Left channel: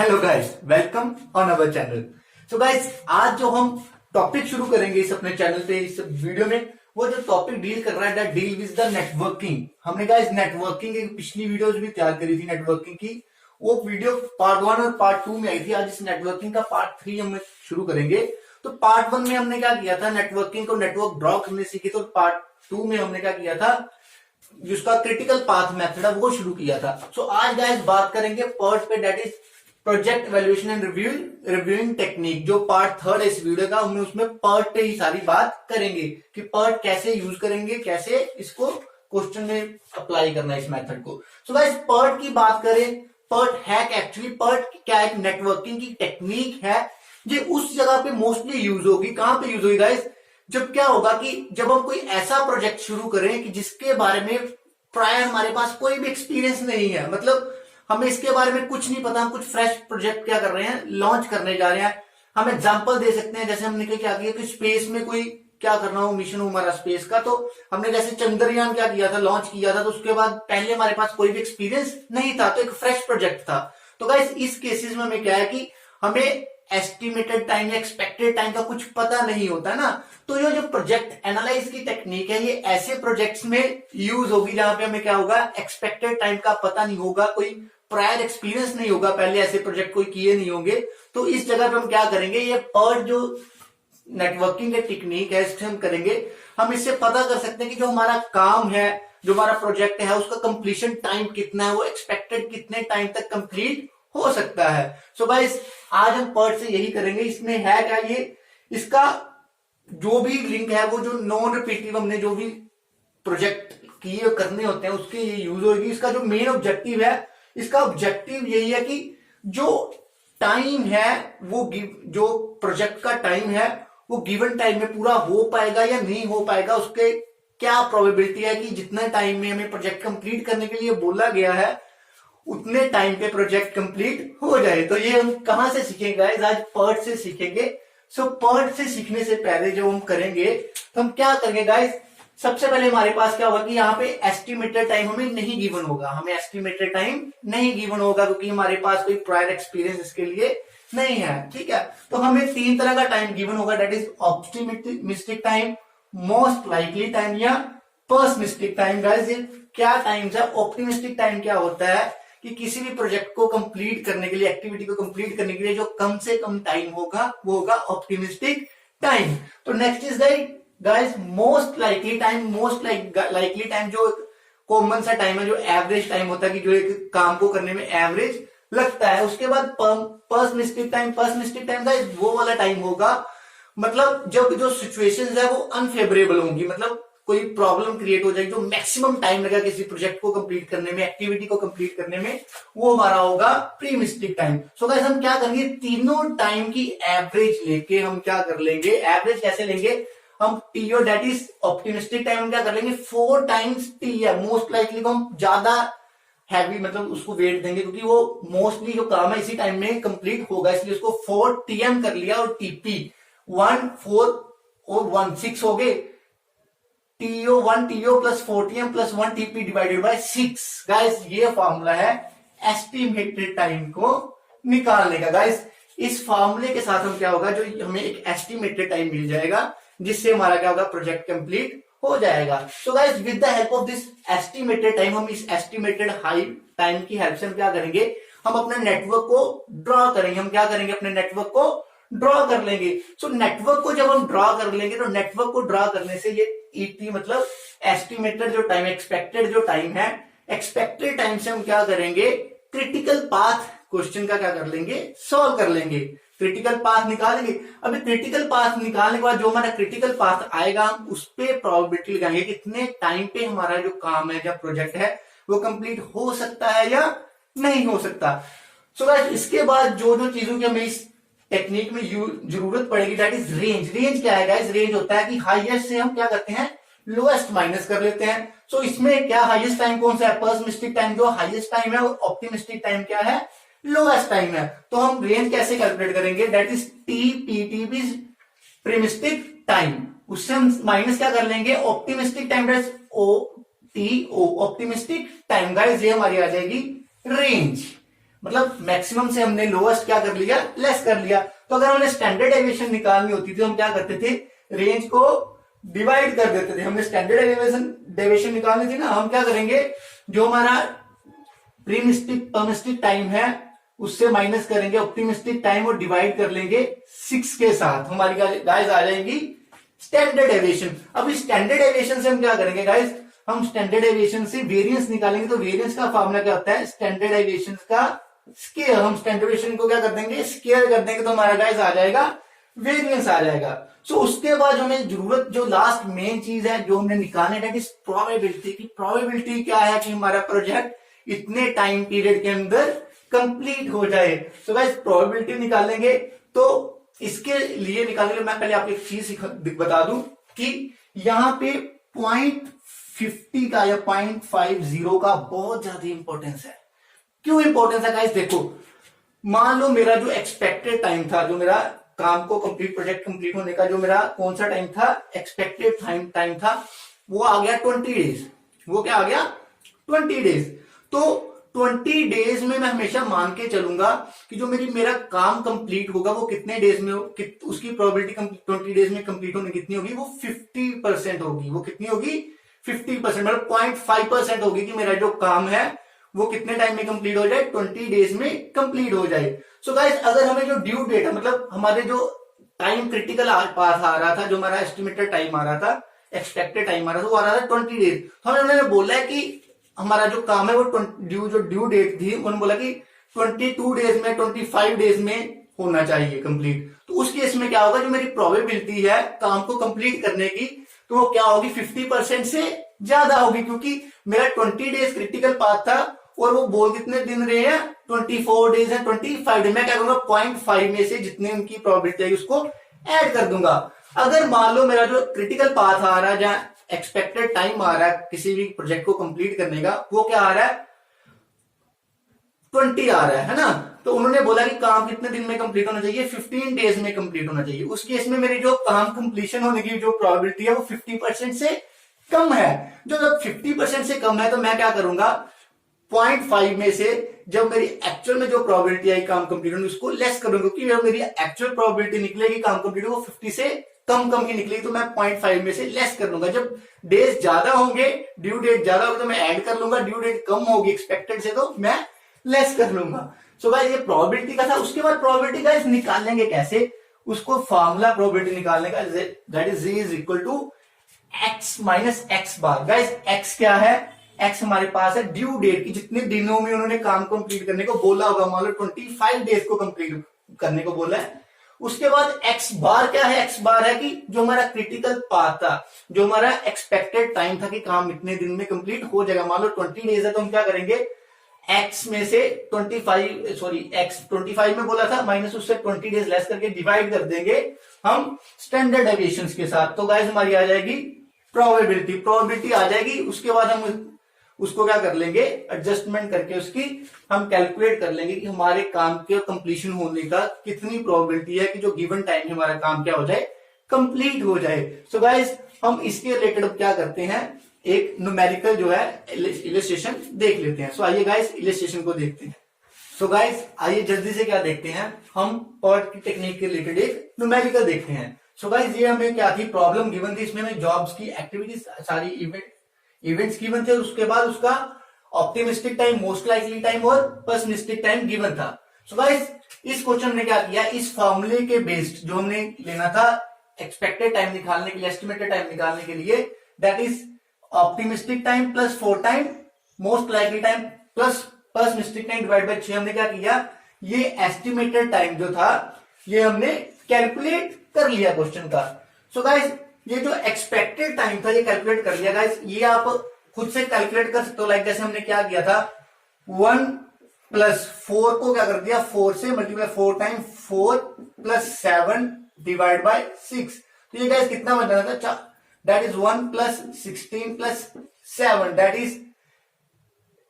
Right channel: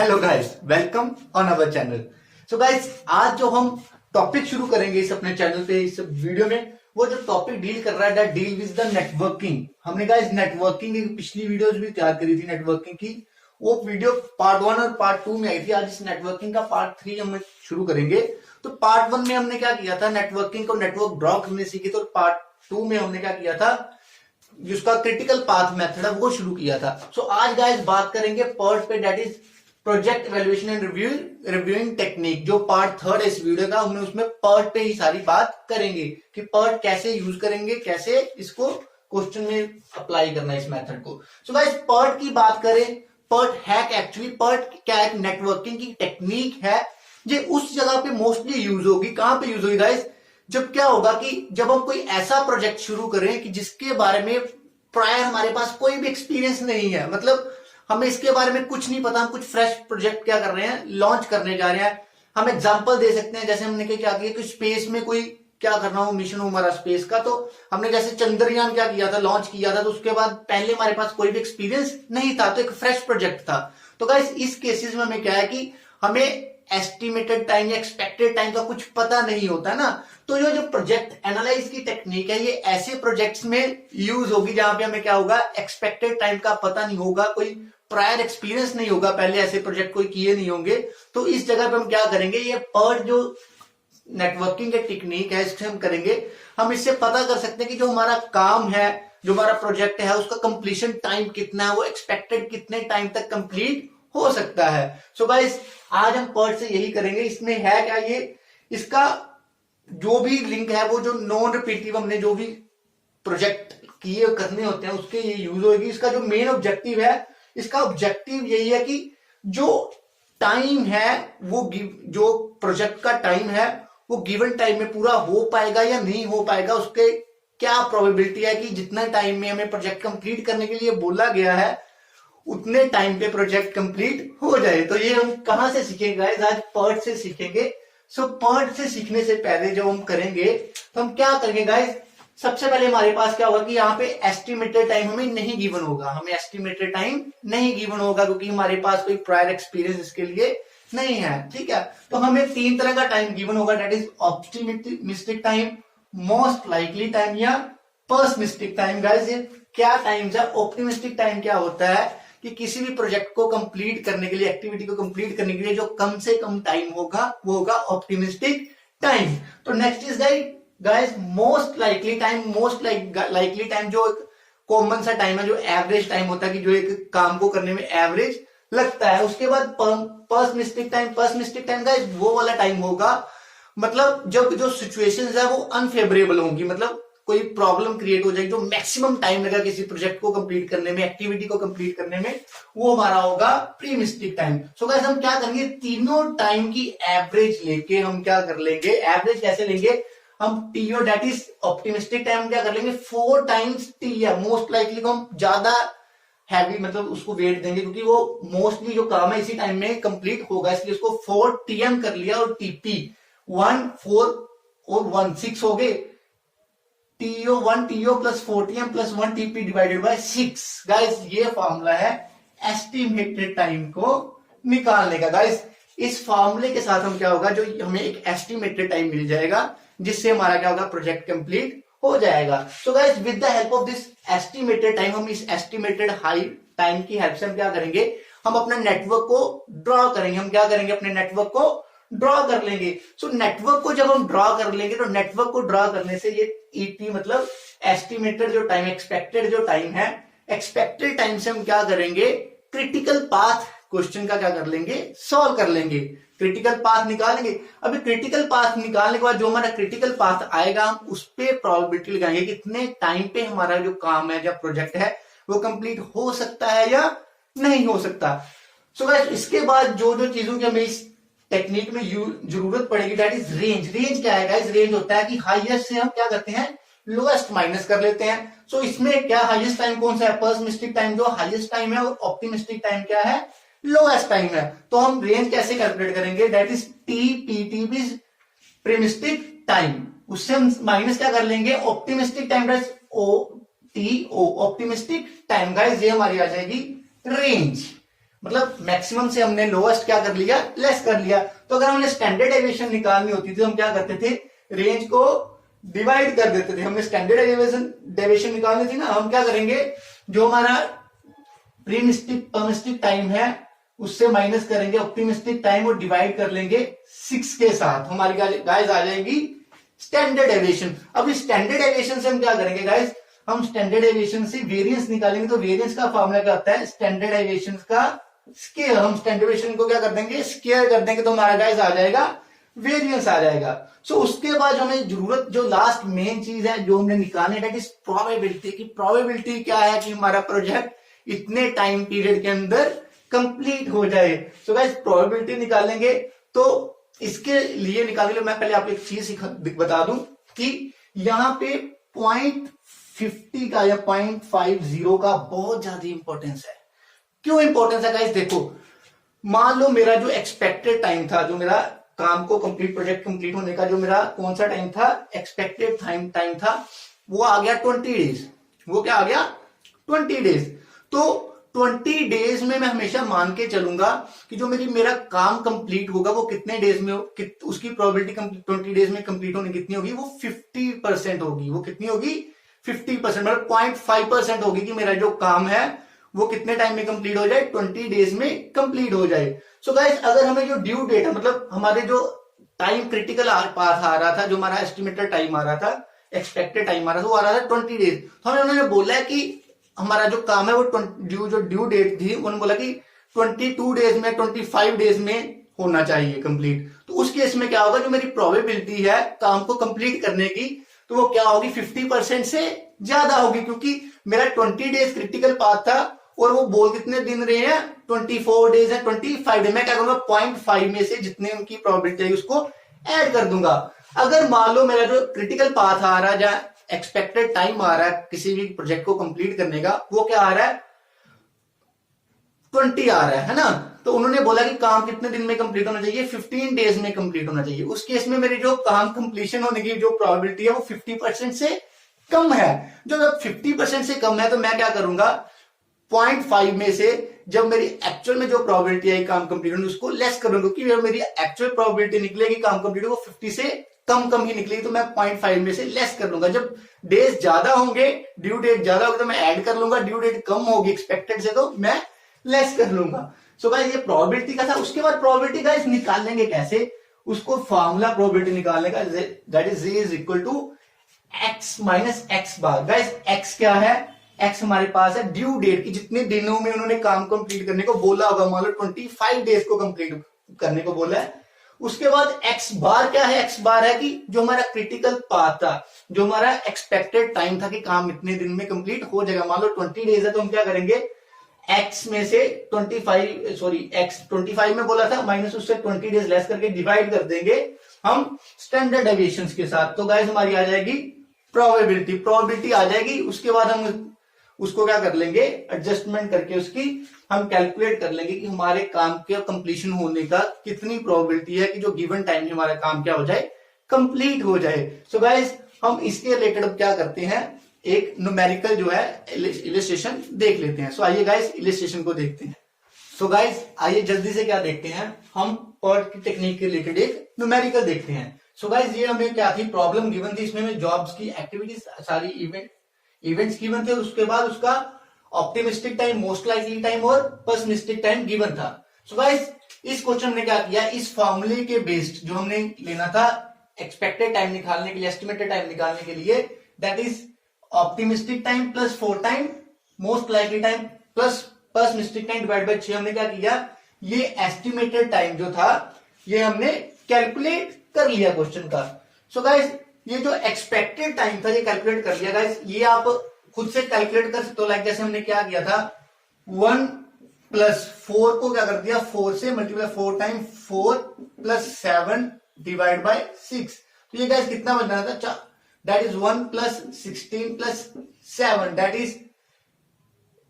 Hello guys, welcome on our channel. So guys, आज जो हम टॉपिक शुरू करेंगे इस अपने चैनल पे इस वीडियो में, वो जो टॉपिक डील कर रहा है that deal with the networking. हमने गाइस नेटवर्किंग की पिछली वीडियोस भी तैयार करी थी नेटवर्किंग की। वो वीडियो पार्ट 1 और पार्ट 2 में आई थी। आज इस नेटवर्किंग का पार्ट 3 हम शुरू करेंगे। तो पार्ट 1 में हमने क्या किया था, नेटवर्किंग को नेटवर्क ड्रॉ करने सीखी। तो पार्ट 2 में हमने क्या किया था, जिसका क्रिटिकल पाथ मेथड है वो शुरू किया था। सो आज गाइस बात करेंगे पर्ट पे, that is project evaluation and reviewing technique. जो पार्ट 3 है इस वीडियो का, हम उसमें पर्ट पे ही सारी बात करेंगे कि पर्ट कैसे यूज करेंगे, कैसे इसको क्वेश्चन में अप्लाई करना है इस मेथड को। सो गाइस पर्ट की बात करें, पर्ट है एक्चुअली पर्ट क्या, एक नेटवर्किंग की टेक्निक है जो उस जगह पे मोस्टली यूज होगी। कहां पे यूज होगी गाइस, जब क्या होगा कि जब हम कोई ऐसा प्रोजेक्ट शुरू करें कि जिसके बारे में प्रायर हमारे पास कोई भी एक्सपीरियंस नहीं है, मतलब हमें इसके बारे में कुछ नहीं पता, हम कुछ फ्रेश प्रोजेक्ट क्या कर रहे हैं, लॉन्च करने जा रहे हैं। हम एग्जांपल दे सकते हैं, जैसे हमने क्या किया कि स्पेस में कोई क्या करना हो, मिशन हो हमारा स्पेस का, तो हमने जैसे चंद्रयान क्या किया था, लॉन्च किया था, तो उसके बाद पहले हमारे पास कोई भी एक्सपीरियंस नहीं था, तो एक फ्रेश प्रोजेक्ट था। तो गाइस इस केसेस में हमें क्या है कि हमें एस्टिमेटेड टाइम या एक्सपेक्टेड टाइम का कुछ पता नहीं होता है ना। तो ये जो प्रोजेक्ट एनालाइज की टेक्निक है, ये ऐसे प्रोजेक्ट्स में यूज होगी जहां पे हमें क्या होगा, एक्सपेक्टेड टाइम का पता नहीं होगा, कोई प्रायर एक्सपीरियंस नहीं होगा, पहले ऐसे प्रोजेक्ट कोई किए नहीं होंगे। तो इस जगह पे हम क्या करेंगे, ये पर्ट जो नेटवर्किंग की टेक्निक है इससे हम करेंगे। हम इससे पता कर सकते हैं कि जो हमारा काम है, जो हमारा प्रोजेक्ट है, उसका कंप्लीशन टाइम कितना है, वो एक्सपेक्टेड कितने टाइम तक कंप्लीट हो सकता है। सो गाइस आज हम पर्ट से यही करेंगे। इसमें है क्या, ये इसका जो भी लिंक है वो जो नॉन रिपीटिव हमने जो भी प्रोजेक्ट किए करने होते हैं उसके ये यूज होगी। इसका जो मेन ऑब्जेक्टिव है, इसका ऑब्जेक्टिव यही है कि जो टाइम है वो जो प्रोजेक्ट का टाइम है वो गिवन टाइम में पूरा हो पाएगा या नहीं हो पाएगा, उसके क्या प्रोबेबिलिटी है कि जितना टाइम में हमें प्रोजेक्ट कंप्लीट करने के लिए बोला गया है उतने टाइम पे प्रोजेक्ट कंप्लीट हो जाए। तो ये हम कहां से सीखेंगे, आज पर्ट से सीखेंगे। सो पर्ट से सीखने से पहले जब हम करेंगे तो हम क्या करेंगे गाइस, सबसे पहले हमारे पास क्या होगा कि यहाँ पे एस्टिमेटेड टाइम हमें नहीं गिवन होगा, हमें एस्टिमेटेड टाइम नहीं गिवन होगा क्योंकि हमारे पास कोई प्रायर एक्सपीरियंस इसके लिए नहीं है। ठीक है, तो हमें 3 तरह का टाइम गिवन होगा, that is optimistic time, most likely time या पर्सनिस्टिक टाइम। गाइस ये क्या टाइम है, ऑप्टिमिस्टिक टाइम क्या होता है कि किसी भी प्रोजेक्ट को कंप्लीट करने के लिए, एक्टिविटी को कंप्लीट करने के लिए जो कम से कम टाइम होगा वो होगा ऑप्टिमिस्टिक टाइम। तो next is guys most likely time. Most likely time जो कॉमन सा टाइम है, जो एवरेज टाइम होता है कि जो एक काम को करने में एवरेज लगता है। उसके बाद पर्सनिस्टिक टाइम। पर्सनिस्टिक टाइम गाइस वो वाला टाइम होगा, मतलब जब जो सिचुएशंस है वो अनफेवरेबल होंगी, मतलब कोई प्रॉब्लम क्रिएट हो जाएगी, जो मैक्सिमम टाइम लगा किसी प्रोजेक्ट को कंप्लीट करने में, एक्टिविटी को कंप्लीट करने में, वो हमारा होगा प्रीमिस्टिक टाइम। सो गाइस हम क्या करेंगे, तीनों टाइम की एवरेज लेके हम क्या कर लेंगे, एवरेज कैसे लेंगे हम, T O that is optimistic time हम क्या कर लेंगे 4 टाइम्स टी है। मोस्ट लाइकली को हम ज्यादा हैवी मतलब उसको वेट देंगे क्योंकि वो मोस्टली जो काम है इसी टाइम में कंप्लीट होगा, इसलिए उसको 4 टीएम कर लिया। और टीपी 1 4 और 1 6 हो गए, T O 1 T O plus 4 plus 1 T P divided by 6। Guys ये फॉर्मूला है एस्टिमेटेड टाइम को निकालने का। गाइस इस फॉर्मूले के साथ हम क्या होगा, जो हमें एक एस्टिमेटेड टाइम मिल जाएगा जिससे हमारा क्या होगा, प्रोजेक्ट कंप्लीट हो जाएगा। So guys with the help of this estimated time, हम इस एस्टिमेटेड हाई टाइम की हेल्प से हम क्या करेंगे, हम अपने नेटवर्क को ड्रॉ करेंगे। हम क्या करेंगे, अपने नेटवर्क को ड्रॉ कर लेंगे। सो नेटवर्क को जब हम ड्रॉ कर लेंगे तो नेटवर्क को ड्रॉ करने से ये ईटी मतलब एस्टिमेटेड जो टाइम, एक्सपेक्टेड जो टाइम है, एक्सपेक्टेड टाइम से हम क्या करेंगे, क्रिटिकल पाथ क्वेश्चन का क्या कर लेंगे, सॉल्व कर लेंगे, क्रिटिकल पाथ निकालेंगे। अभी क्रिटिकल पाथ निकालने के बाद जो हमारा क्रिटिकल पाथ आएगा, हम उस पर प्रोबेबिलिटी लगाएंगे कितने टाइम पे हमारा जो काम है, जो प्रोजेक्ट है, वो कंप्लीट हो सकता है या नहीं हो सकता। सो गाइस इसके बाद जो जो चीजों की हमें इस टेक्निक में जरूरत पड़ेगी, दैट इज रेंज। रेंज क्या है गाइस, रेंज होता है कि हाईएस्ट से हम क्या करते हैं, लोएस्ट माइनस कर लेते हैं। सो इसमें क्या हाईएस्ट टाइम कौन सा है, पर्सनिस्टिक टाइम जो हाईएस्ट टाइम है, और ऑप्टिमिस्टिक टाइम क्या है, लोएस्ट टाइम है। तो हम रेंज कैसे कैलकुलेट करेंगे, that is T pessimistic time, उससे हम माइनस क्या कर लेंगे, optimistic time, that is O T O optimistic time. Guys ये हमारी आ जाएगी रेंज। मतलब मैक्सिमम से हमने लोएस्ट क्या कर लिया, लेस कर लिया। तो अगर हमने स्टैंडर्ड डेविएशन निकालनी होती थी, हम क्या करते थे, रेंज को डिवाइड कर देते थे। हमने स्टैंडर्ड डेविएशन निकालनी थी ना, हम क्या करेंगे, जो हमारा प्रीमिस्टिक टाइम है उससे माइनस करेंगे ऑप्टिमिस्टिक टाइम और डिवाइड कर लेंगे 6 के साथ, हमारी गाइस आ जाएगी स्टैंडर्ड डेविएशन। अब इस स्टैंडर्ड डेविएशन से हम क्या करेंगे गाइस, हम स्टैंडर्ड डेविएशन से वेरिएंस निकालेंगे। तो वेरिएंस का फॉर्मूला क्या होता है, स्टैंडर्ड डेविएशन का स्क्वायर। हम स्टैंडर्ड डेविएशन को क्या कर देंगे, स्क्वायर कर देंगे, तो हमारा गाइस आ जाएगा वेरिएंस आ जाएगा। सो उसके बाद हमें जरूरत, जो लास्ट मेन चीज है जो हमने निकालने है, प्रोबेबिलिटी की। प्रोबेबिलिटी क्या है कि हमारा प्रोजेक्ट इतने टाइम पीरियड के अंदर कंप्लीट हो जाए। सो गाइस प्रोबेबिलिटी निकालेंगे, तो इसके लिए निकालने के लिए मैं पहले आपको एक चीज बता दूं कि यहाँ पे 0.50 का या 0.50 का बहुत ज्यादा इंपॉर्टेंस है। क्यों इंपॉर्टेंस है गाइस, देखो मान लो मेरा जो एक्सपेक्टेड टाइम था, जो मेरा काम को कंप्लीट, प्रोजेक्ट कंप्लीट होने का जो मेरा कौन सा टाइम था, एक्सपेक्टेड टाइम था, वो आ गया 20 डेज। वो क्या आ गया, 20 डेज। तो 20 डेज में मैं हमेशा मान के चलूंगा कि जो मेरा काम कंप्लीट होगा वो कितने डेज में उसकी प्रोबेबिलिटी 20 डेज में कंप्लीट होने कितनी होगी, वो 50% होगी। वो कितनी होगी, 50%, मतलब 0.5% होगी कि मेरा जो काम है वो कितने टाइम में कंप्लीट हो जाए, 20 डेज में कंप्लीट हो जाए। सो गाइस अगर हमें जो ड्यू डेट है, मतलब हमारे जो टाइम क्रिटिकल पाथ आ रहा था, जो हमारा एस्टिमेटेड टाइम आ रहा था, एक्सपेक्टेड टाइम आ रहा था, वो आ रहा था 20 डेज। तो हमें उन्होंने बोला है कि हमारा जो काम है वो जो ड्यू डेट थी, उन्होंने बोला कि 22 डेज में, 25 डेज में होना चाहिए कंप्लीट। तो उस केस में क्या होगा, जो मेरी प्रोबेबिलिटी है काम को कंप्लीट करने की, तो वो क्या होगी, 50% से ज्यादा होगी, क्योंकि मेरा 20 डेज क्रिटिकल पाथ था और वो बोल कितने दिन रहे हैं, 24 डेज है, 25 डेज। मैं क्या करूंगा, 0.5 में से जितने उनकी प्रोबेबिलिटी है उसको ऐड कर दूंगा। अगर मान लो मेरा जो क्रिटिकल पाथ आ रहा है, जहां एक्सपेक्टेड टाइम आ रहा है किसी भी प्रोजेक्ट को कंप्लीट करने का, वो क्या आ रहा है, 20 आ रहा है ना। तो उन्होंने बोला कि काम कितने दिन में कंप्लीट होना चाहिए, 15 डेज में कंप्लीट होना चाहिए। उस केस में मेरी जो काम कंप्लीशन होने की जो प्रोबेबिलिटी है वो 50% से कम है। जो जब 50% से कम है तो मैं क्या करूंगा, 0.5 में से जब मेरी एक्चुअल में जो प्रोबेबिलिटी है काम कंप्लीट होने उसको लेस करूंगा, क्योंकि मेरी एक्चुअल प्रोबेबिलिटी निकलेगी काम कंप्लीट वो 50 से कम की निकलेगी, तो मैं 0.5 में से लेस कर लूंगा। जब डेज ज्यादा होंगे, ड्यू डेट ज्यादा होगा, तो मैं ऐड कर लूंगा। ड्यू डेट कम होगी एक्सपेक्टेड से, तो मैं लेस कर लूंगा। सो गाइस ये प्रोबेबिलिटी का था। उसके बाद प्रोबेबिलिटी गाइस निकालेंगे कैसे, उसको फॉर्मूला प्रोबेबिलिटी निकालने का, that is Z is equal to x minus X bar. Guys x क्या है, x हमारे पास है ड्यू डेट की, जितने दिनों में उन्होंने काम कंप्लीट करने को बोला होगा, मान लो 25 डेज को कंप्लीट करने को बोला है। उसके बाद x बार क्या है, x बार है कि जो हमारा क्रिटिकल पाथ था, जो हमारा एक्सपेक्टेड टाइम था कि काम इतने दिन में कंप्लीट हो जाएगा, मान लो 20 डेज है, तो हम क्या करेंगे, x में से 25 में बोला था, माइनस उससे 20 डेज लेस करके डिवाइड कर देंगे हम स्टैंडर्ड डेविएशन के साथ। तो गाइस हमारी आ जाएगी प्रोबेबिलिटी आ जाएगी। उसके बाद हम उसको क्या कर लेंगे, एडजस्टमेंट करके उसकी हम कैलकुलेट कर लेंगे कि हमारे काम के कंप्लीशन होने का कितनी प्रोबेबिलिटी है कि जो गिवन टाइम में हमारा काम क्या हो जाए, कंप्लीट हो जाए। सो गाइस हम इसके रिलेटेड अब क्या करते हैं, एक न्यूमेरिकल जो है इलस्ट्रेशन देख लेते हैं। सो आइए गाइस इलस्ट्रेशन को देखते हैं। सो गाइस आइए जल्दी से क्या देखते हैं, हम पर्ट की टेक्निक के रिलेटेड एक न्यूमेरिकल देखते हैं। सो गाइस ये हमें क्या थी, प्रॉब्लम गिवन थी, इसमें हमें जॉब्स की एक्टिविटीज सारी इवेंट्स गिवन थे, और उसके बाद उसका optimistic time, most likely time और पेसिमिस्टिक टाइम गिवन था। सो गाइस इस क्वेश्चन ने क्या किया, इस फॉर्मूले के बेस्ड जो हमने लेना था एक्सपेक्टेड टाइम निकालने के लिए, एस्टिमेटेड टाइम निकालने के लिए, that is optimistic time plus 4 time most likely time plus pessimistic time divide by 6। हमने क्या किया, ये एस्टिमेटेड टाइम जो था ये हमने कैलकुलेट कर लिया क्वेश्चन का। सो गाइस ये जो एक्सपेक्टेड टाइम था ये कैलकुलेट कर लिया गाइस। ये आप खुद से कैलकुलेट कर सकते हो, लाइक जैसे हमने क्या किया था, 1 प्लस 4 को क्या कर दिया, 4 से multiply 4 time 4 plus 7 divide by 6। तो ये गाइस कितना बन रहा था, that is 1 plus 16 plus 7, that is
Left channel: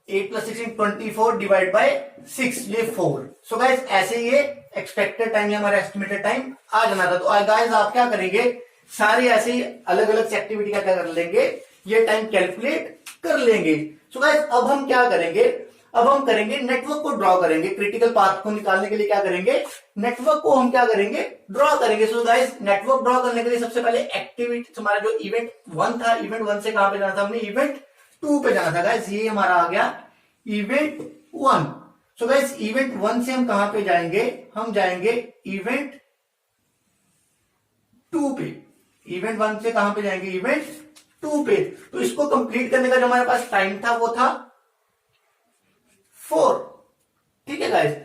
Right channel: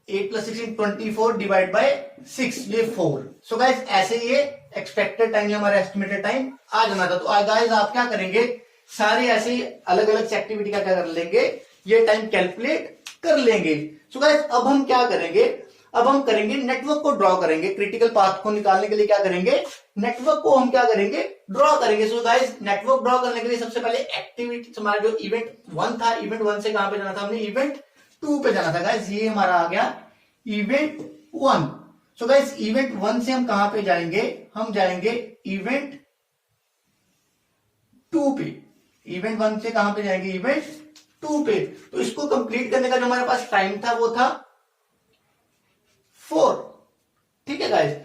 8 plus 16 24 divide by 6, ये 4। सो गाइस ऐसे ये एक्सपेक्टेड टाइम हमारा एस्टिमेटेड टाइम आ जाना था। तो गाइस आप क्या करेंगे, सारे ऐसे ही अलग अलग एक्टिविटी का क्या कर लेंगे, ये टाइम कैलकुलेट कर लेंगे। सो गाइस अब हम क्या करेंगे, अब हम करेंगे नेटवर्क को ड्रॉ करेंगे। क्रिटिकल पाथ को निकालने के लिए क्या करेंगे, नेटवर्क को हम क्या करेंगे, ड्रॉ करेंगे। सो गाइस नेटवर्क ड्रॉ करने के लिए सबसे पहले एक्टिविटी, हमारा जो इवेंट 1 था, इवेंट 1 से कहां पे जाना था, हमने इवेंट 2 पे जाना था गाइस। ये हमारा आ गया इवेंट 1। सो गाइस इवेंट 1 से हम कहां पे जाएंगे, हम जाएंगे इवेंट 2 पे। इवेंट 1 से कहां पे जाएंगे, इवेंट 2 पे। तो इसको कंप्लीट करने का जो हमारे पास टाइम था वो था 4। ठीक है गाइस।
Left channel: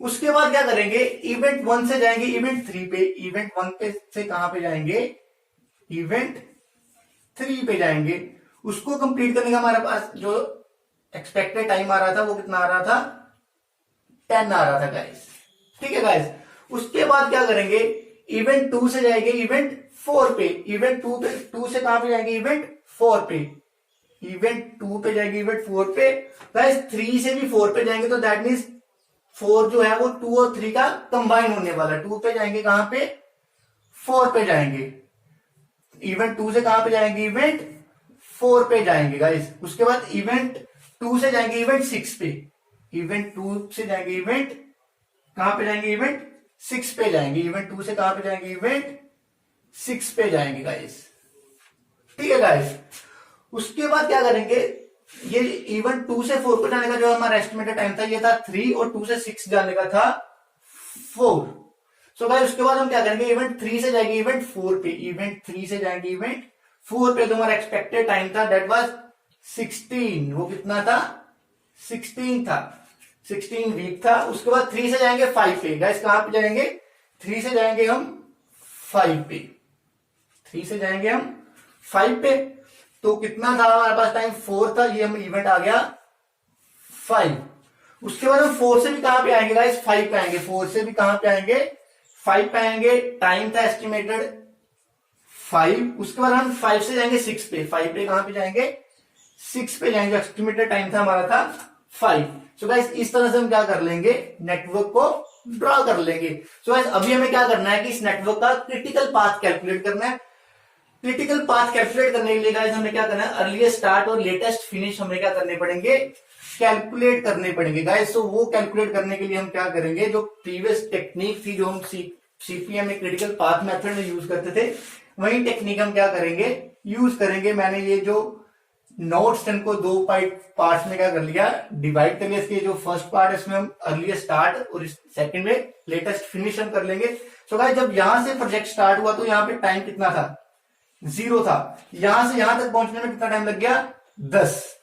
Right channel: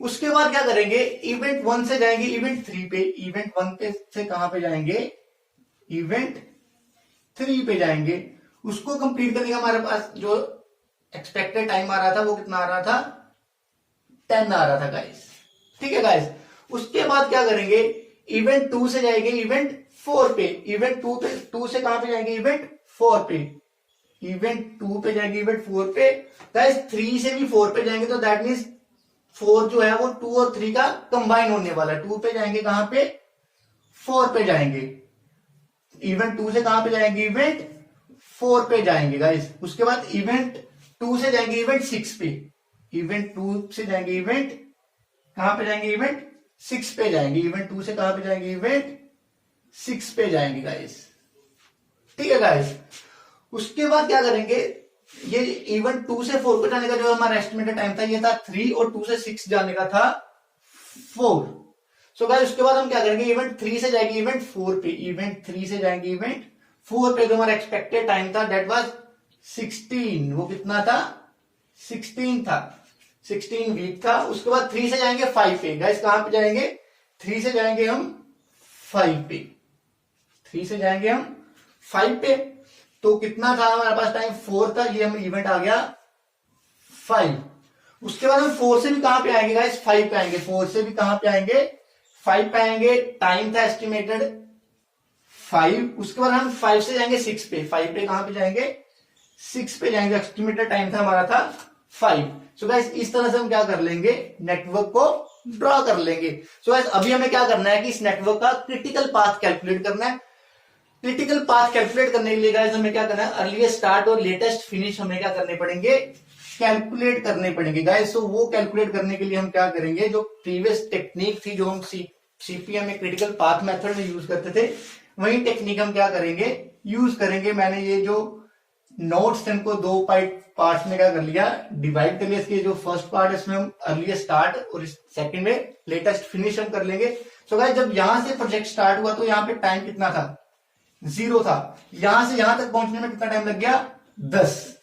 उसके बाद क्या करेंगे, इवेंट 1 से जाएंगे इवेंट 3 पे। इवेंट 1 पे से कहां पे जाएंगे, इवेंट 3 पे जाएंगे। उसको कंप्लीट करने का हमारे पास जो एक्सपेक्टेड टाइम आ रहा था वो कितना आ रहा था, 10 आ रहा था गाइस। ठीक है गाइस। उसके बाद क्या करेंगे, इवेंट 2 से जाएंगे इवेंट 4 पे। इवेंट 2 से कहां पे जाएंगे, इवेंट 4 पे। इवेंट 2 पे जाएंगे इवेंट 4 पे। गाइस 3 से भी 4 पे जाएंगे तो दैट मीन्स 4 जो है वो 2 और 3 का कंबाइन होने वाला है। 2 पे जाएंगे कहां पे, 4 पे जाएंगे। इवेंट 2 से कहां पे जाएंगे, इवेंट 4 पे जाएंगे गाइस। उसके बाद इवेंट 2 से जाएंगे इवेंट 6 पे। इवेंट 2 से जाएंगे इवेंट कहां पे जाएंगे, इवेंट 6 पे जाएंगे। इवेंट 2 से कहां पे जाएंगे, इवेंट 6 पे जाएंगे गाइस। ठीक है गाइस। उसके बाद क्या करेंगे, ये इवेंट 2 से 4 को जाने का जो हमारा एस्टिमेटेड टाइम था ये था 3 और 2 से 6 जाने का था 4। सो गाइस उसके बाद हम क्या करेंगे, इवेंट 3 से जाएंगे इवेंट 4 पे। इवेंट 3 से जाएंगे इवेंट 4 पे। जो हमारा एक्सपेक्टेड टाइम था दैट वाज 16। वो कितना था, 16 था, 16 वीक था। उसके बाद 3 से जाएंगे 5 पे। गाइस कहां पे जाएंगे, 3 से जाएंगे हम 5 पे। 3 से जाएंगे हम 5 पे। तो कितना था हमारे पास टाइम, 4 था। ये हम इवेंट आ गया 5। उसके बाद हम 4 से भी कहां पे आएंगे गाइस, 5 पे आएंगे। 4 से भी कहां पे आएंगे, 5 पे आएंगे। टाइम था एस्टिमेटेड 5। उसके बाद हम 5 से जाएंगे 6 पे। 5 पे कहां पे जाएंगे, 6 पे जाएंगे। एस्टिमेटेड टाइम था हमारा था 5। सो गाइस इस तरह से हम क्या कर लेंगे, नेटवर्क को ड्रॉ कर लेंगे। सो गाइस अभी हमें क्या करना है कि इस नेटवर्क का क्रिटिकल पाथ कैलकुलेट करना है। क्रिटिकल पाथ कैलकुलेट करने के लिए गाइस हमें क्या करना है, अर्लीस्ट स्टार्ट और लेटेस्ट फिनिश हमें क्या करने पड़ेंगे, कैलकुलेट करने पड़ेंगे गाइस। तो वो कैलकुलेट करने के लिए हम क्या करेंगे, जो प्रीवियस टेक्निक थी जो हम सीपीएम में क्रिटिकल पाथ मेथड में यूज करते थे, वही टेक्निक हम क्या करेंगे, यूज करेंगे। मैंने ये जो नोट्स इनको 2 पार्ट में क्या कर लिया, डिवाइड कर लिया। इसके जो फर्स्ट पार्ट है इसमें हम अर्लीस्ट स्टार्ट और सेकंड में लेटेस्ट फिनिश हम कर लेंगे। सो गाइस जब यहां से प्रोजेक्ट स्टार्ट हुआ तो यहाँ पे टाइम कितना था, 0 था। यहां से यहां तक पहुंचने में कितना टाइम लग गया, 10।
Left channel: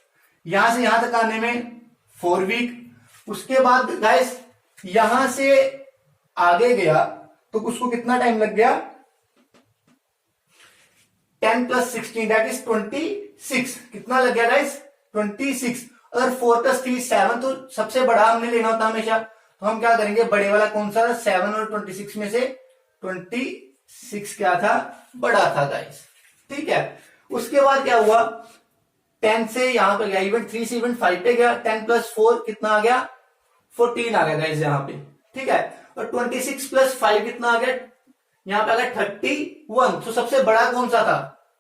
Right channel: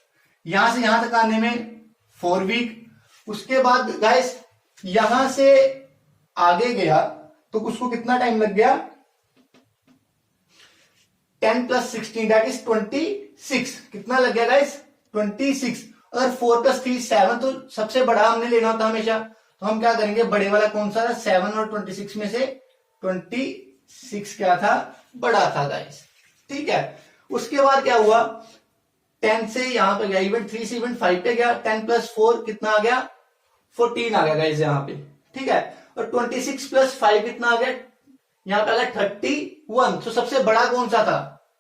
यहां से यहां तक आने में 4 वीक। उसके बाद गाइस यहां से आगे गया तो उसको कितना टाइम लग गया, 10 + 16 दैट इज 26। कितना लग गया गाइस, 26। अगर 4 + 3 7, तो सबसे बड़ा हमने लेना होता हमेशा। तो हम क्या करेंगे, बड़े वाला कौन सा था, 7 और 26 में से 26 क्या था, बड़ा था गाइस। ठीक है। उसके बाद क्या हुआ, 10 से यहां पे गया, इवेंट 3 से इवेंट 5 पे गया। 10 + 4 कितना आ गया, 14 आ गया गाइस यहाँ पे। ठीक है। और 26 + 5 कितना आ गया, यहाँ पे आ गया 31। तो सबसे बड़ा कौन सा था,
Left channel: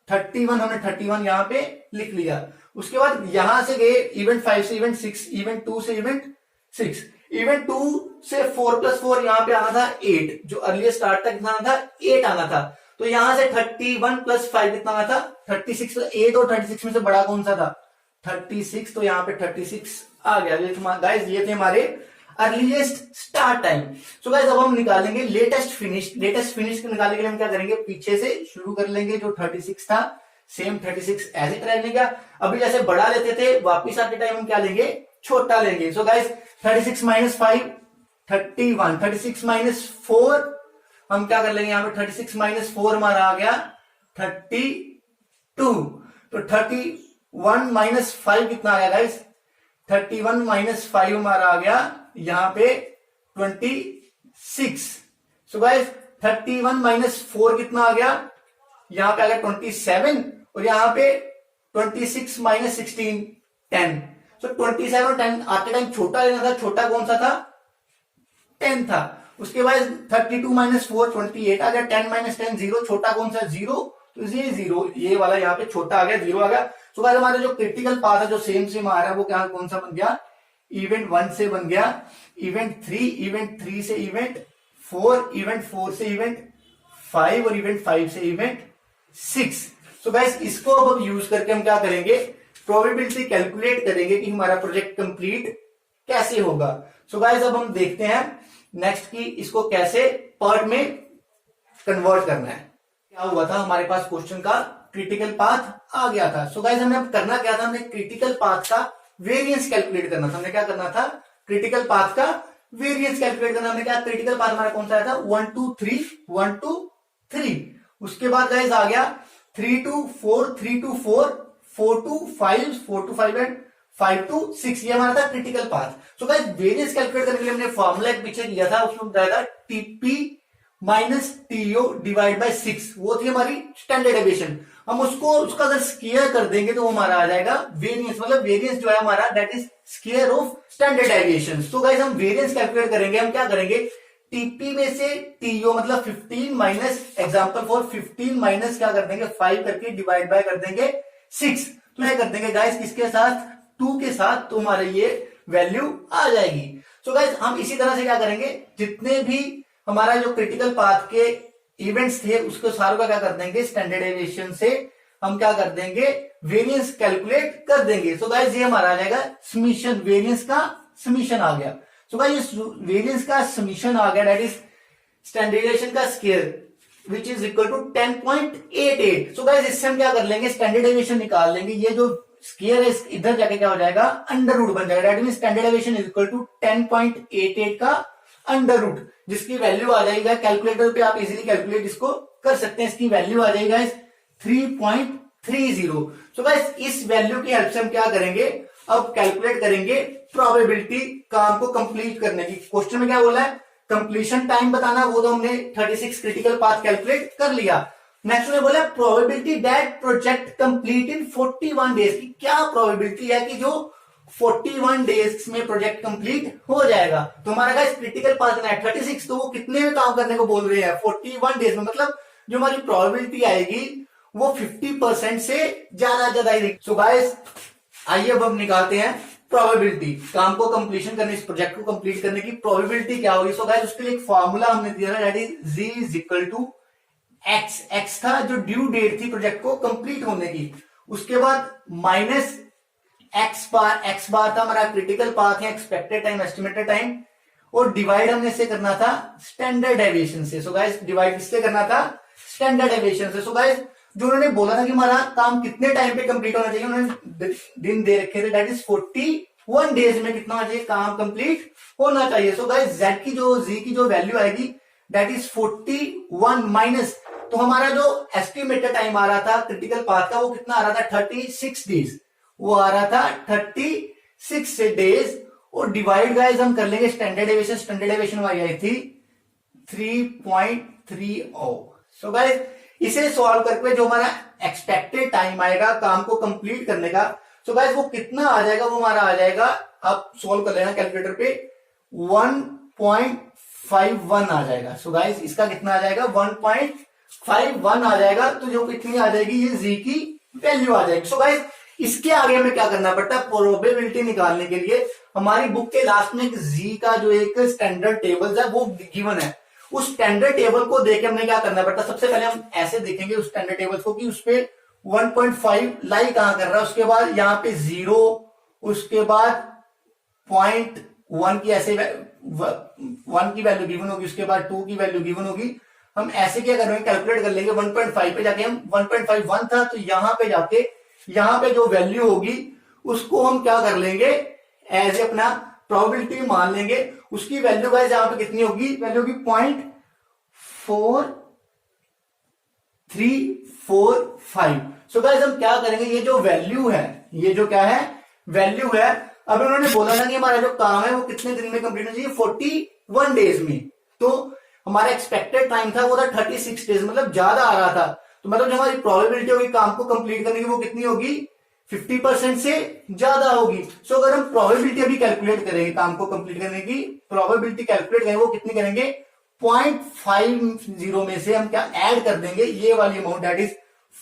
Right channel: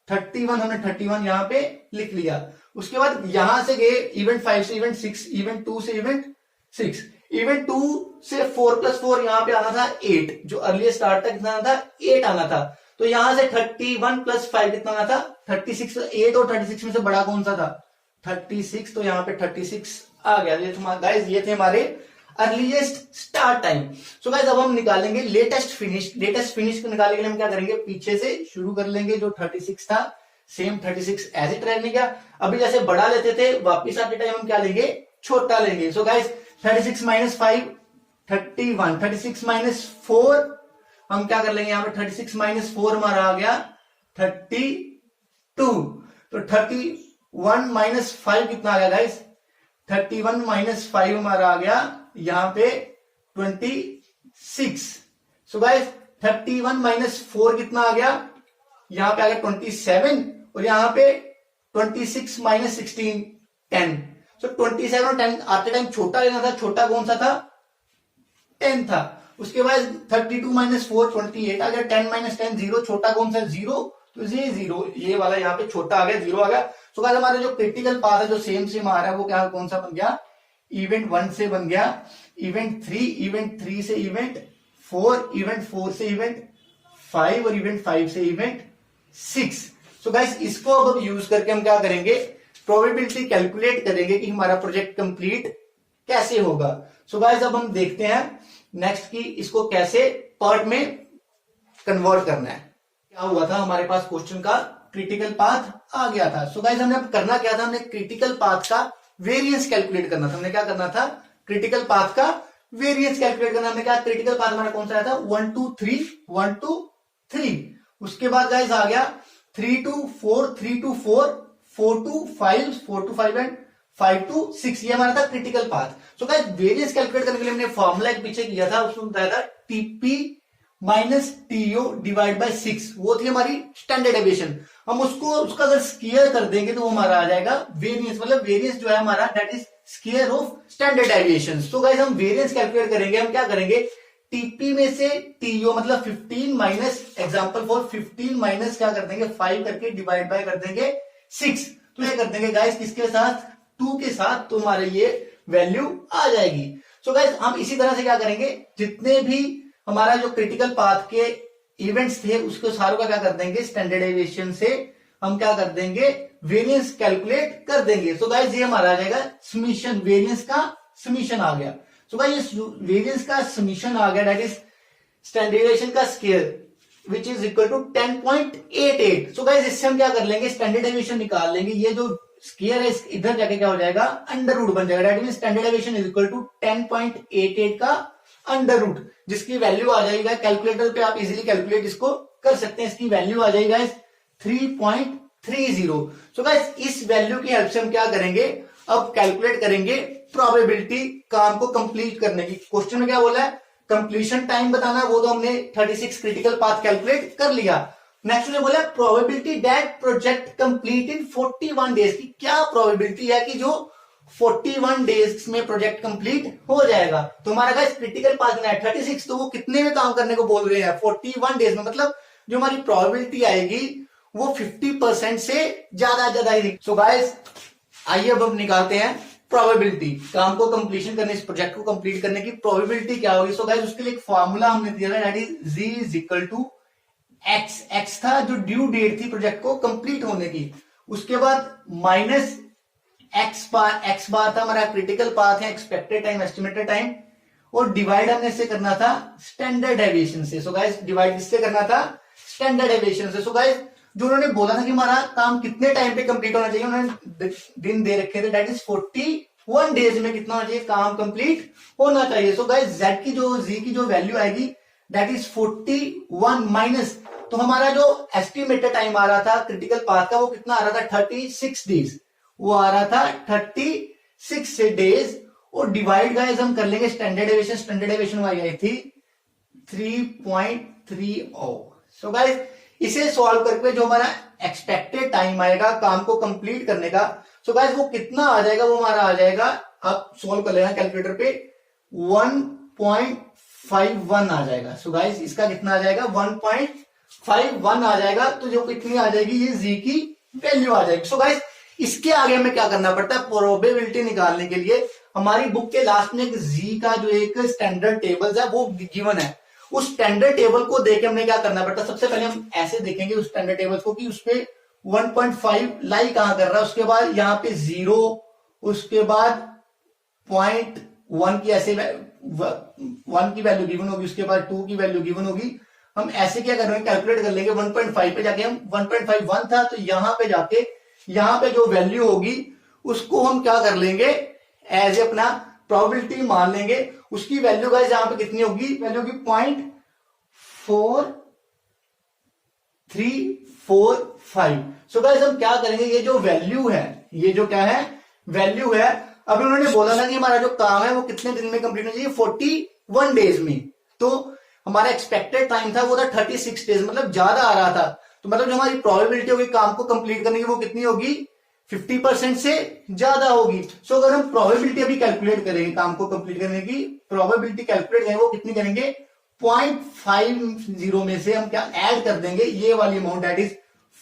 31। हमने 31 यहाँ पे लिख लिया। उसके बाद यहां से गए इवेंट 5 से इवेंट 6, इवेंट 2 से इवेंट 6। इवेंट 2 से 4 + 4 यहाँ पे आना था 8। जो अर्ली स्टार्ट तक कितना आना था, 8 आना था। तो यहां से 31 + 5 कितना आना था, 36। तो 8 और 36 में से बड़ा कौन सा था, 36। तो यहाँ पे 36 आ गया। गाइस ये थे हमारे earliest start time. So guys अब हम निकालेंगे लेटेस्ट फिनिश। लेटेस्ट फिनिश को निकालने के लिए हम क्या करेंगे, पीछे से शुरू कर लेंगे। जो 36 था सेम 36 एज इट रहने का। अभी जैसे बड़ा लेते थे, वापिस आते टाइम हम क्या लेंगे, छोटा लेंगे। सो गाइस 36 - 5 31, 36 - 4 हम क्या कर लेंगे, यहाँ पे 36 - 4 हमारा आ गया 32। तो 31 - 5 कितना आ गया गाइस, 31 - 5 हमारा आ गया यहाँ पे 26। सो गाइस 31 - 4 कितना आ गया, यहाँ पे आ गया 27। और यहाँ पे 26 - 16 10। सो 27 और 10 आते टाइम छोटा लेना था। छोटा कौन सा था, 10 था। उसके बाद 32 - 4 28 आ गया। 10 - 10 0। छोटा कौन सा, 0। तो ये 0, ये वाला यहाँ पे छोटा आ गया, 0 आ गया। सो गाइस हमारे जो क्रिटिकल पाथ है जो सेम आ रहा है वो क्या, कौन सा बन गया, इवेंट 1 से बन गया इवेंट 3, इवेंट 3 से इवेंट 4, इवेंट 4 से इवेंट 5 और इवेंट 5 से इवेंट 6। सो गाइस इसको अब हम यूज करके हम क्या करेंगे, प्रोबेबिलिटी कैलकुलेट करेंगे कि हमारा प्रोजेक्ट कंप्लीट कैसे होगा। सो गाइस अब हम देखते हैं नेक्स्ट की इसको कैसे पार्ट में कन्वर्ट करना है। क्या हुआ था, हमारे पास क्वेश्चन का क्रिटिकल पाथ आ गया था। सो गाइस हमने अब करना क्या था, हमने क्रिटिकल पाथ का वेरिएंस कैलकुलेट करना था। हमने क्या करना था, क्रिटिकल पाथ का वेरिएंस कैलकुलेट करना। हमने क्या, क्रिटिकल पाथ हमारा कौन सा आया था, 1 2 3 1 2 3। उसके बाद गाइस आ गया 3 2 4 3 2 4 4 2 5 4 2 5 एंड 5 2 6। ये हमारा था क्रिटिकल पाथ। सो गाइस वेरिएंस कैलकुलेट करने के लिए हमने फॉर्मूला एक पीछे किया था, उसमें बताया था T P minus T O divide by 6। वो थी हमारी स्टैंडर्ड डेविएशन। हम उसको उसका अगर स्क्वायर कर देंगे तो वो हमारा आ जाएगा वेरिएंस, मतलब वेरिएंस जो है हमारा that is square of standard deviation. तो गाइस हम वेरिएंस कैलकुलेट करेंगे, हम क्या करेंगे, टीपी में से टीओ मतलब 15 माइनस एग्जांपल फॉर 15 माइनस क्या कर देंगे 5 करके डिवाइड बाय कर देंगे 6। तो ये कर देंगे गाइस किसके साथ, 2 के साथ, तो हमारे ये वैल्यू आ जाएगी। सो गाइस हम इसी तरह से क्या करेंगे, जितने भी हमारा जो क्रिटिकल पाथ के इवेंट्स थे उसको सारों का क्या कर देंगे, स्टैंडर्ड डेविएशन से हम क्या कर देंगे, वेरिएंस कैलकुलेट कर देंगे। सो गाइस ये हमारा आ जाएगा समीशन, वेरिएंस का समीशन आ गया। सो गाइस वेरिएंस का समीशन आ गया दैट इज स्टैंडर्ड डेविएशन का square which is equal to 10.88। So guys इससे हम क्या कर लेंगे, स्टैंडर्ड डेविएशन निकाल लेंगे। ये जो स्क्वायर है इधर जाके क्या हो जाएगा, अंडर रूट बन जाएगा। That means standard deviation is equal to 10.88 का अंडर रूट, जिसकी वैल्यू आ जाएगी कैलकुलेटर पे आप इजीली कैलकुलेट इसको कर सकते हैं। इसकी वैल्यू आ जाएगी 3.30। सो गाइस इस वैल्यू की हेल्प से हम क्या करेंगे, अब कैलकुलेट करेंगे प्रोबेबिलिटी काम को कंप्लीट करने की। क्वेश्चन में क्या बोला है, कंप्लीशन टाइम बताना है, वो तो हमने 36 क्रिटिकल पाथ कैलकुलेट कर लिया। नेक्स्ट में बोला probability that project complete in 41 days की क्या प्रोबेबिलिटी है कि जो 41 डेज में प्रोजेक्ट कंप्लीट हो जाएगा। तो हमारा गाइस क्रिटिकल पाथ है 36, तो वो कितने में काम करने को बोल रहे हैं, 41 डेज में, मतलब जो हमारी प्रोबेबिलिटी आएगी वो 50% से ज्यादा आएगी। सो गाइस आइए अब हम निकालते हैं प्रोबेबिलिटी, काम को कंप्लीशन करने, इस प्रोजेक्ट को कंप्लीट करने की प्रोबेबिलिटी क्या होगी। सो गाइस उसके लिए एक फॉर्मूला हमने दिया है that is Z is equal to X. X था जो ड्यू डेट थी प्रोजेक्ट को कंप्लीट होने की, उसके बाद माइनस एक्स बार था हमारा क्रिटिकल पाथ है, एक्सपेक्टेड टाइम, एस्टिमेटेड टाइम, और डिवाइड हमने से करना था स्टैंडर्ड डेविएशन से। सो गाइस डिवाइड किससे करना था, स्टैंडर्ड डेविएशन से। सो गाइस जो उन्होंने बोला था कि हमारा काम कितने टाइम पे कंप्लीट होना चाहिए, उन्होंने दिन दे रखे थे दैट इज 41 डेज में कितना होना चाहिए, काम कंप्लीट होना चाहिए। सो गाइस जेड की जो जी की जो वैल्यू आएगी दैट इज 41 माइनस, तो हमारा जो एस्टिमेटेड टाइम आ रहा था क्रिटिकल पाथ का वो कितना आ रहा था 36 डेज, वो आ रहा था 36 डेज, और डिवाइड गाइस हम कर लेंगे स्टैंडर्ड डेविएशन। स्टैंडर्ड डेविएशन हमारी आई थी 3.30। सो गाइस इसे सॉल्व करके जो हमारा एक्सपेक्टेड टाइम आएगा काम को कंप्लीट करने का, सो गाइस वो कितना आ जाएगा, वो हमारा आ जाएगा, आप सॉल्व कर लेना कैलकुलेटर पे, 1.51 आ जाएगा। सो गाइस इसका कितना आ जाएगा, 1.51 आ जाएगा। तो जो कितनी आ जाएगी, ये जी की वैल्यू आ जाएगी। सो गाइस इसके आगे हमें क्या करना पड़ता है, प्रोबेबिलिटी निकालने के लिए हमारी बुक के लास्ट में एक जी का जो एक स्टैंडर्ड टेबल्स है वो गिवन है। उस स्टैंडर्ड टेबल को देख के हमने क्या करना पड़ता है, सबसे पहले हम ऐसे देखेंगे उस स्टैंडर्ड टेबल को कि उस पे 1.5 लाई कहां कर रहा है, उसके बाद यहाँ पे 0, उसके बाद 0.1 की ऐसे 1 की वैल्यू गिवन होगी, उसके बाद 2 की वैल्यू गिवन होगी। हम ऐसे क्या कर रहे हैं, कैलकुलेट कर लेंगे 1.5 पे जाके, हम 1.51 था तो यहां पे जाके यहां पे जो वैल्यू होगी उसको हम क्या कर लेंगे, एज ए अपना प्रोबेबिलिटी मान लेंगे। उसकी वैल्यू गाइस यहां पे कितनी होगी, वैल्यू होगी 0.4345। सो गाइस हम क्या करेंगे, ये जो वैल्यू है, ये जो क्या है वैल्यू है, अब उन्होंने बोला था कि हमारा जो काम है वो कितने दिन में कंप्लीट होना चाहिए, 41 डेज में। तो हमारा एक्सपेक्टेड टाइम था वो था 36 डेज, मतलब ज्यादा आ रहा था। तो मतलब जो हमारी प्रोबेबिलिटी होगी काम को कंप्लीट करने की वो कितनी होगी, 50% से ज्यादा होगी। सो अगर हम प्रोबेबिलिटी अभी कैलकुलेट करेंगे काम को कंप्लीट करने की प्रोबेबिलिटी कैलकुलेट करेंगे, वो कितनी करेंगे, 0.50 में से हम क्या ऐड कर देंगे ये वाली अमाउंट दैट इज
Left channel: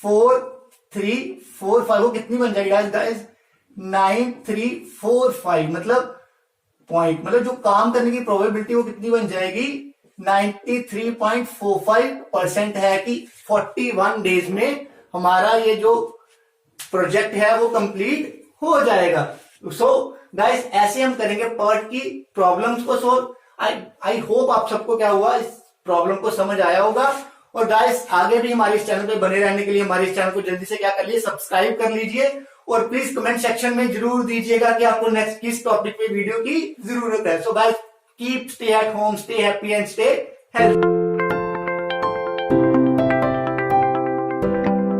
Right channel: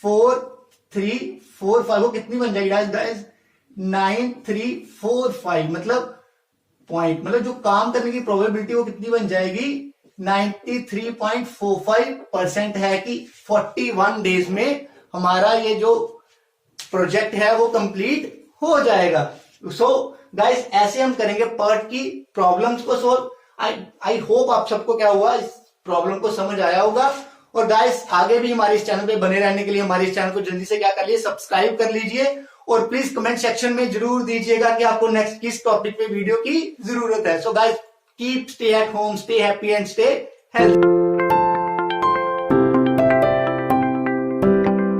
4345, वो कितनी बन जाएगी गाइस, 9345, मतलब पॉइंट, मतलब जो काम करने की प्रोबेबिलिटी वो कितनी बन जाएगी 93.45% है कि 41 डेज में हमारा ये जो प्रोजेक्ट है वो कंप्लीट हो जाएगा। सो गाइस ऐसे हम करेंगे पर्ट की प्रॉब्लम्स को सोल्व। आई होप आप सबको क्या हुआ, इस प्रॉब्लम को समझ आया होगा। और गाइस आगे भी हमारे इस चैनल पे बने रहने के लिए हमारे इस चैनल को जल्दी से क्या कर लीजिए, सब्सक्राइब कर लीजिए। और प्लीज कमेंट सेक्शन में जरूर दीजिएगा कि आपको नेक्स्ट किस टॉपिक पे वीडियो की जरूरत है। So guys keep stay at home, stay happy and stay healthy.